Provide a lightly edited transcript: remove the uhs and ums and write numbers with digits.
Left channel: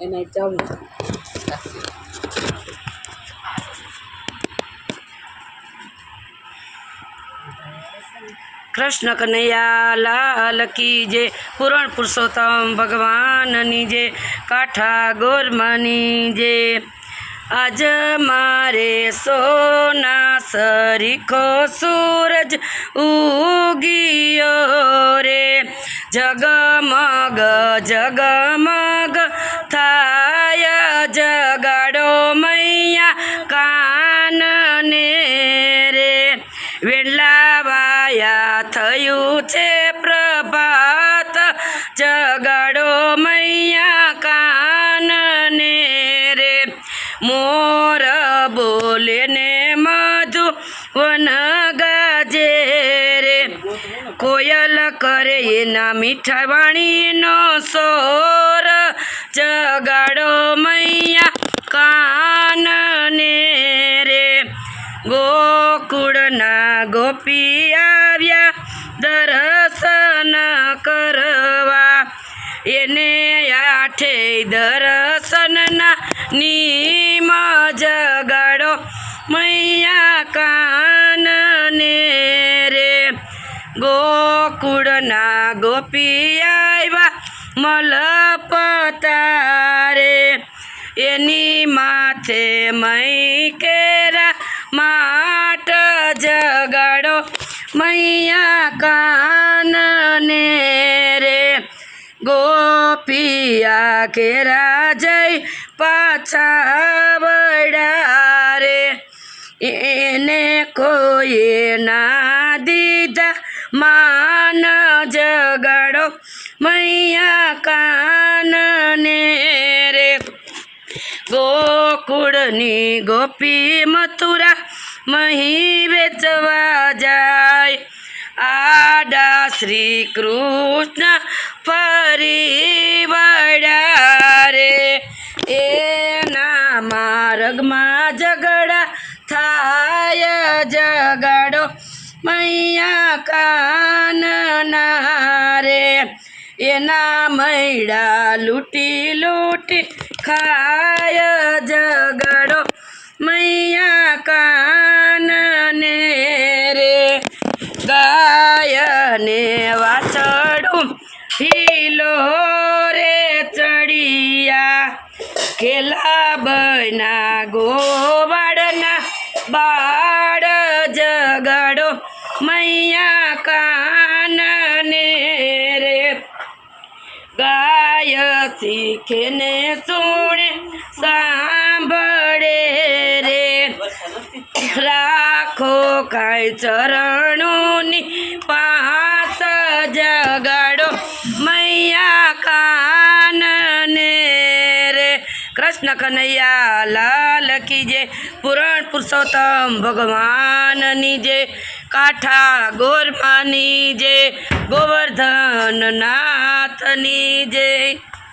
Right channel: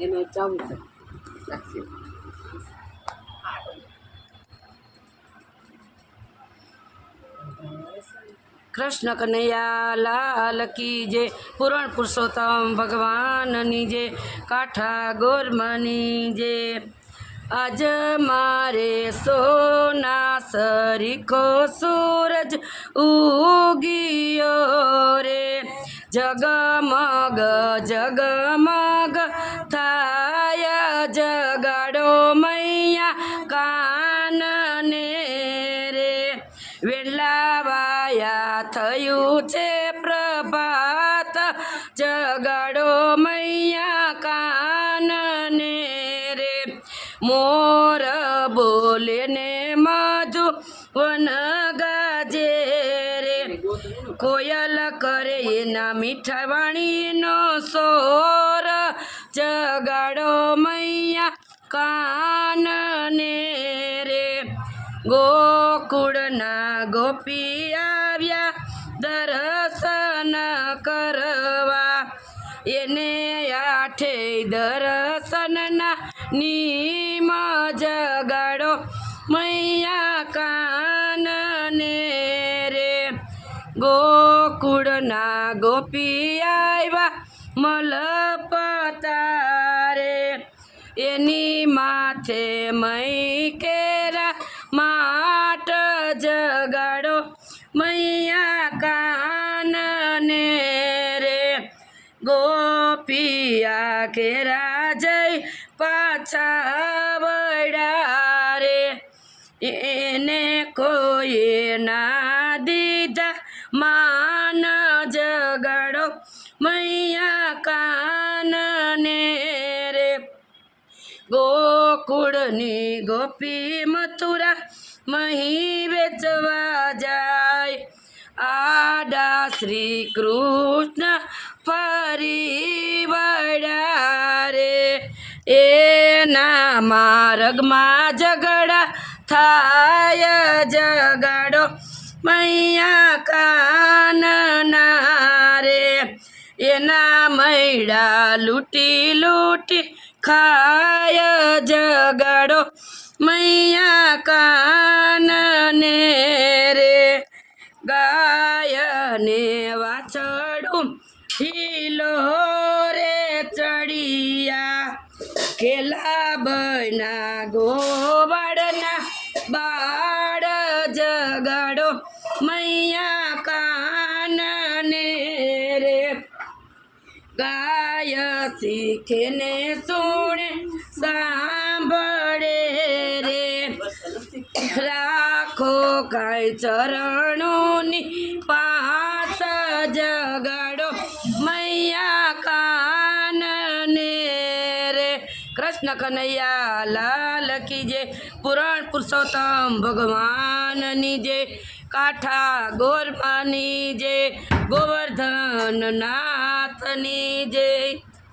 એમાં ચાલુ कृष्ण कन्हैया लाल की जय। पुराण पुरुषोत्तम भगवान जय। काठा गोरमानी जय। आज मारे सोना सरीखो सूरज उगियो रे। जगमग जगमग थाय जगाडो मैया कानने रे। वेलावाया थયું છે પ્રભાત જગાડો મૈયા કાનને રે। મોર બોલે ને મધુ વન ગાજે રે। કોયલ કરે એના મીઠા વાણીનો સોર જગાડો મૈયા કાનને રે। ગોકુળના ગોપી આવ્યા દર્શન કરવા। એને આઠે દર્શનના નીમ જગાડો મૈયા કાનને રે। ગોકુળના ગોપી આવ્યા મલપતારે। એની માથે મઈ કેરા માટ જગાડો મૈયા કાનને રે। ગોપિયા કેરા જઈ પાછા વળ્યા રે। એને કોઈએ ના દીધા માન જગાડો મૈયા કાનને રે। ગોકુળની ગોપી મથુરા મહી વેચવા જાય। આડા શ્રી કૃષ્ણ ફરી વળ્યા રે। એના માર્ગમાં ઝઘડા થાય જગાડો મૈયા કાનના રે। એના મૈડા લૂંટી લૂંટી ખાય જગાડો મૈયા કાનને રે। ગાયને વાછડું હિલો રે ચડિયા। ખેલા બના ગોવાળના બાળ જગાડો મૈયા કાનને રે। ગાય શીખે ને સુણે સાંભળે રે। રાખો કાંઈ ચરણોની પાસ જગાડો મૈયા કાનને રે। કૃષ્ણ કનૈયા લાલ કી જય। પુરાણ પુરુષોત્તમ ભગવાનની જય। કાઠા ગોરમાની જય। ગોવર્ધન નાથની જય।